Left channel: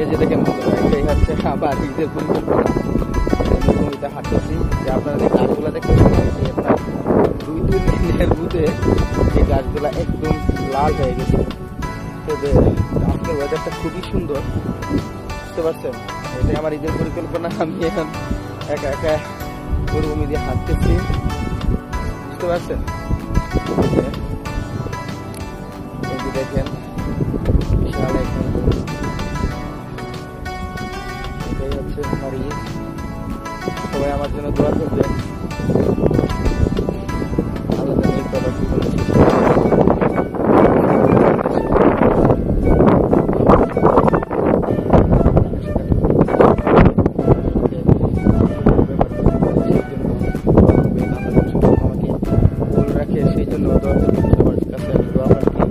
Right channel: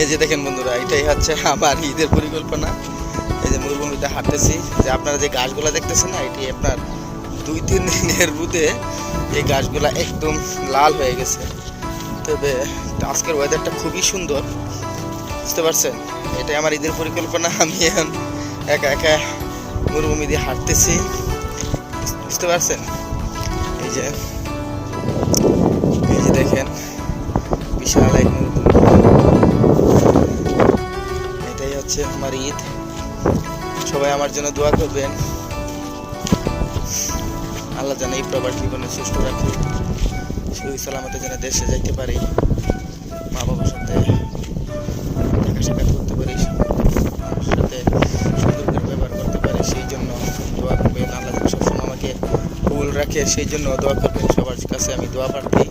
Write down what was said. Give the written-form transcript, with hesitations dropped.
এই যে দেখেন বন্ধুরা, এটাই হচ্ছে আমার ঈদের পরিকল্পনা। এই যে মরুভূমিতে হাঁটতেছি, যে আপনারা যে গাছগুলো দেখতেছেন না, এটি আপনার 2-3 দিনের রোদে এই গাছগুলা একদম লাল হয়ে গেছে। তবে আজকের ওয়েদারটা খুবই সুন্দর, বুঝতে পারছেন? এটাই আমার ঈদের পরিকল্পনা। আমি এখন একা একা মরুভূমি দিয়ে হাঁটতেছি, বুঝতে পারছেন? এই যে দেখেন বিশাল এক মরুভূমি। এটাই হচ্ছে আমার ঈদ। সবাই আমার জন্য দোয়া করবেন, আল্লাহ জানে এই প্রবাসী বলে সুস্থ রাখেন, দেশে যেতে পারি, বাবার সাথে দেখা সাক্ষাৎ করতে পারি, সবার সাথে সুন্দর করে ব্যবহার করতে পারি। সেই জন্য দোয়া করবেন, আল্লাহ যেন সবসময় আমাকে কবুল রাখে, সেই জন্য দোয়া করবেন। সবার কাছে আমি দোয়া প্রার্থী।